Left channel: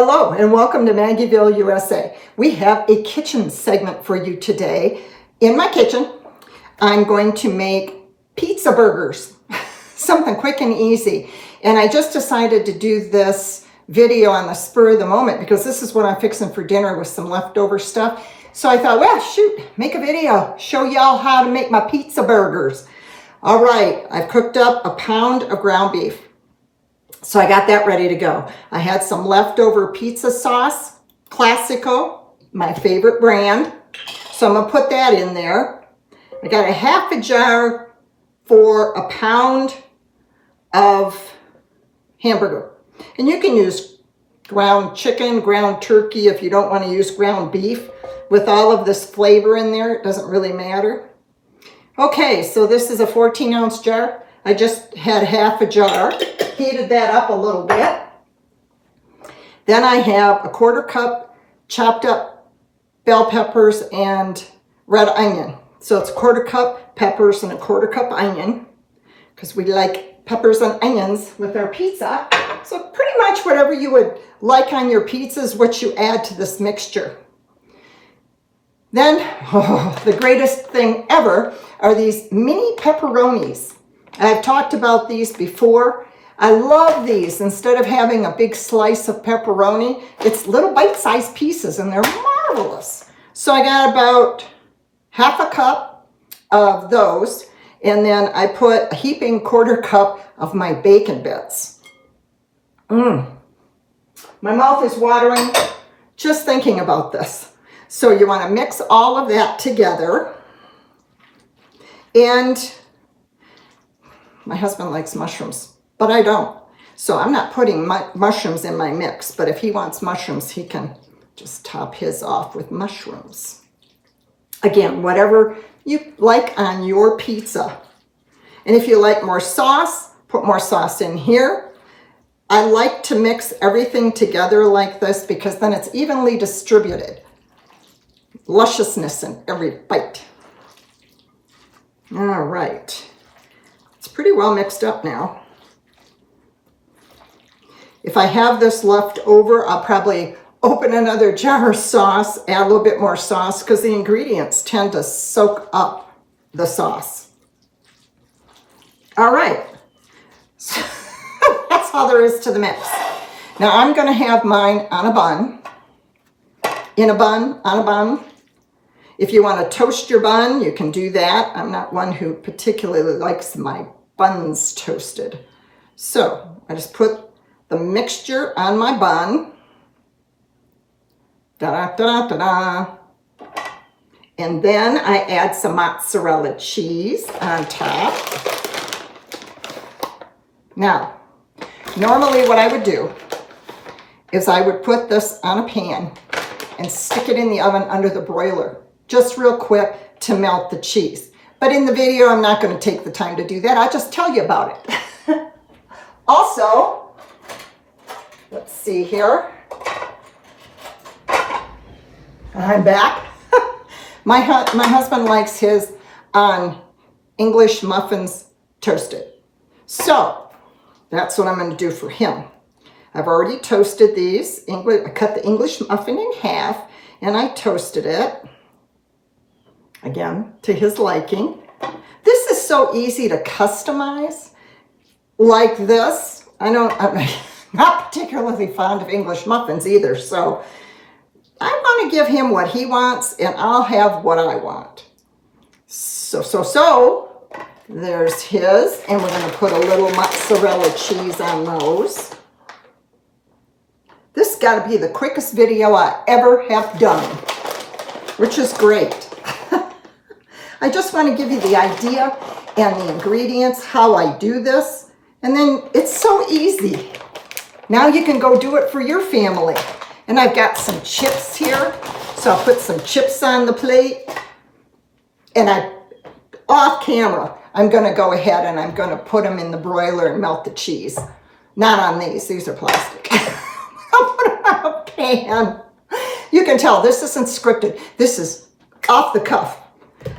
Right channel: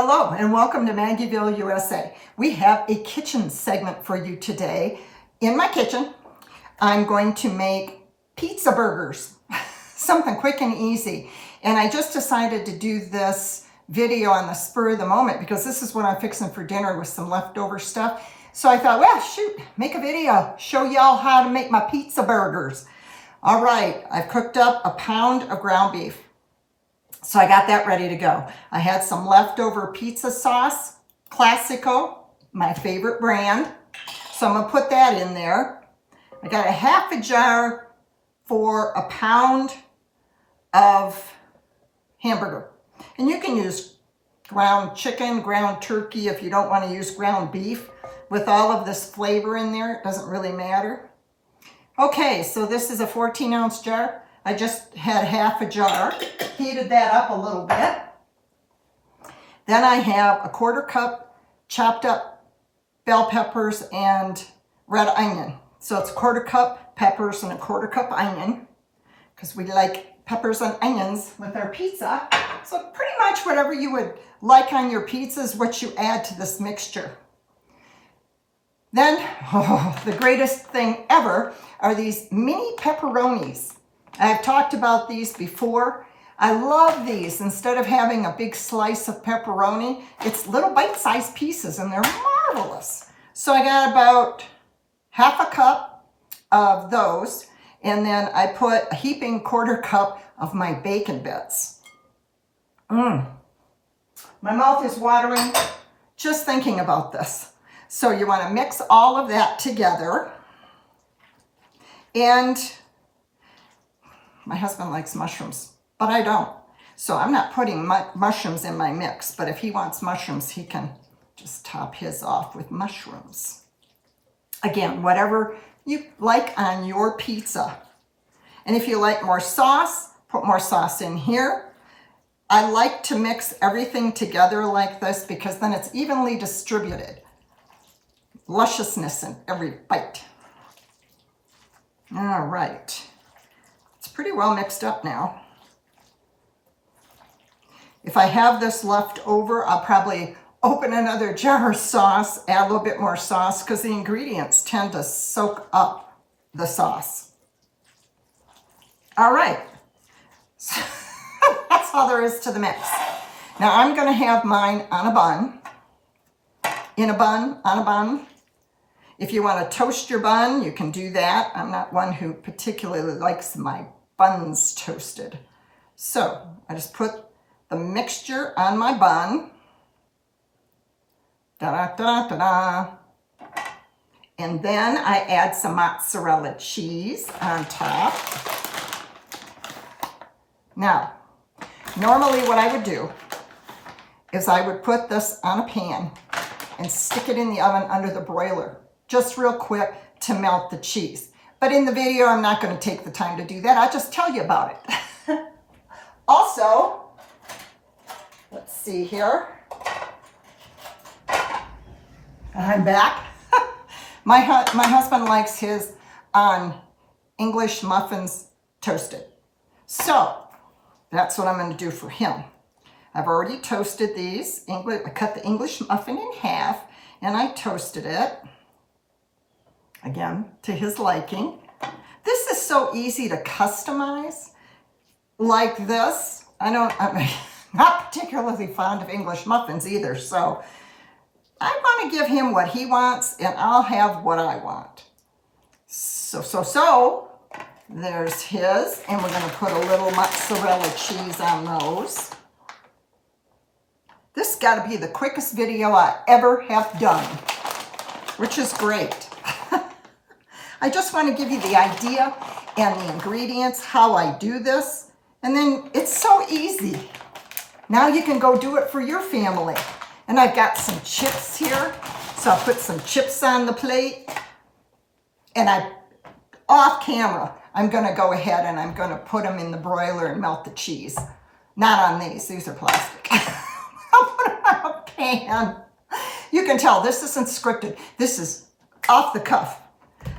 Hello and welcome to Maggieville, USA. We have a kitchen segment for you today. In my kitchen, I'm going to make pizza burgers, something quick and easy. And I just decided to do this video on the spur of the moment because this is what I'm fixing for dinner with some leftover stuff. So I thought, well, shoot, make a video, show y'all how to make my pizza burgers. All right, I've cooked up a pound of ground beef. So I got that ready to go. I had some leftover pizza sauce, Classico, my favorite brand. So I'm gonna put that in there. I got a half a jar for a pound of hamburger. And you can use ground chicken, ground turkey if you don't want to use ground beef. With all of this flavor in there, it doesn't really matter. Okay, so this is a 14-ounce jar. I just had half a jar, heated that up a little bit. Then I have a 1/4 cup chopped up bell peppers and red onion. So it's 1/4 cup peppers and a 1/4 cup onion because we like peppers and onions with our pizza. So pretty much whatever you would like on your pizza is what you add to this mixture. Then, the greatest thing ever are these mini pepperonis. I've talked about these before. I love these. Instead of having a big slice of pepperoni, it's little bite-sized pieces and they're marvelous. So I got about half a cup of those, and then I put a heaping 1/4 cup of my bacon bits. My mouth is watering just thinking about this. So you want to mix all of that together. And my husband likes mushrooms, but I don't. So I'm not putting mushrooms in my mix, but if he wants mushrooms, he can just top his off with mushrooms. Again, whatever you like on your pizza. And if you like more sauce, put more sauce in here. I like to mix everything together like this because then it's evenly distributed. Lusciousness in every bite. All right. It's pretty well mixed up now. If I have this left over, I'll probably open another jar of sauce, add a little bit more sauce because the ingredients tend to soak up the sauce. All right. So that's all there is to the mix. Now I'm going to have mine on a bun. In a bun, on a bun. If you want to toast your bun, you can do that. I'm not one who particularly likes my buns toasted. So I just put the mixture on my bun. Da-da-da-da-da. And then I add some mozzarella cheese on top. Now, normally what I would do is I would put this on a pan and stick it in the oven under the broiler, just real quick to melt the cheese. But in the video, I'm not going to take the time to do that. I'll just tell you about it. Also, let's see here. I'm back. My husband likes his on English muffins toasted. So that's what I'm going to do for him. I've already toasted these. I cut the English muffin in half and I toasted it. Again, to his liking. This is so easy to customize like this. I'm not particularly fond of English muffins either, so I want to give him what he wants and I'll have what I want. So there's his, and we're going to put a little mozzarella cheese on those. This has got to be the quickest video I ever have done, which is great. I just want to give you the idea and the ingredients, how I do this, and then it's so easy. Now you can go do it for your family. And I've got some chips here, so I'll put some chips on the plate. And off camera, I'm going to go ahead and I'm going to put them in the broiler and melt the cheese. Not on these are plastic. I'll put them on a pan. You can tell this isn't scripted. This is off the cuff.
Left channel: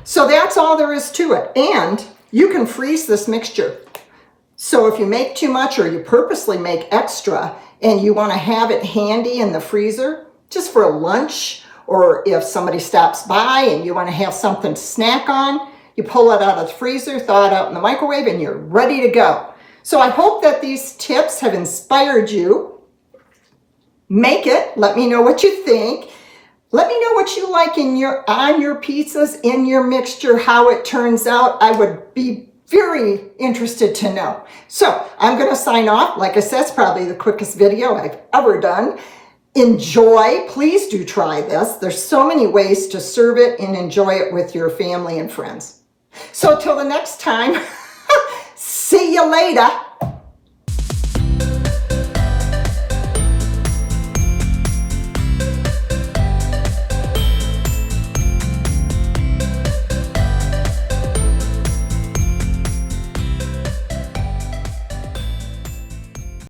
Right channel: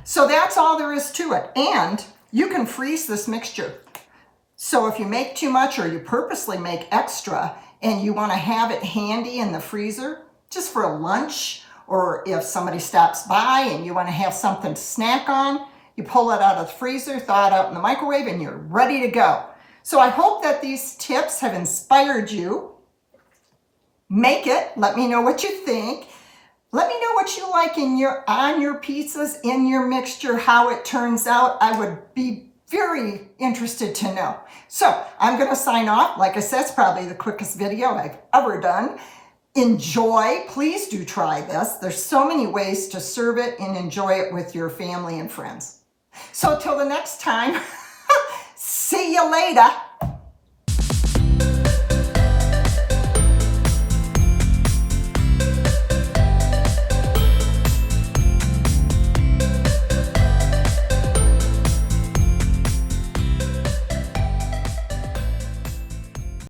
So that's all there is to it. And you can freeze this mixture. So if you make too much or you purposely make extra and you want to have it handy in the freezer just for a lunch, or if somebody stops by and you want to have something to snack on, you pull it out of the freezer, thaw it out in the microwave, and you're ready to go. So I hope that these tips have inspired you. Make it. Let me know what you think. Let me know what you like on your pizzas, in your mixture, how it turns out. I would be very interested to know. So I'm going to sign off. Like I said, it's probably the quickest video I've ever done. Enjoy. Please do try this. There's so many ways to serve it and enjoy it with your family and friends. So till the next time, see you later.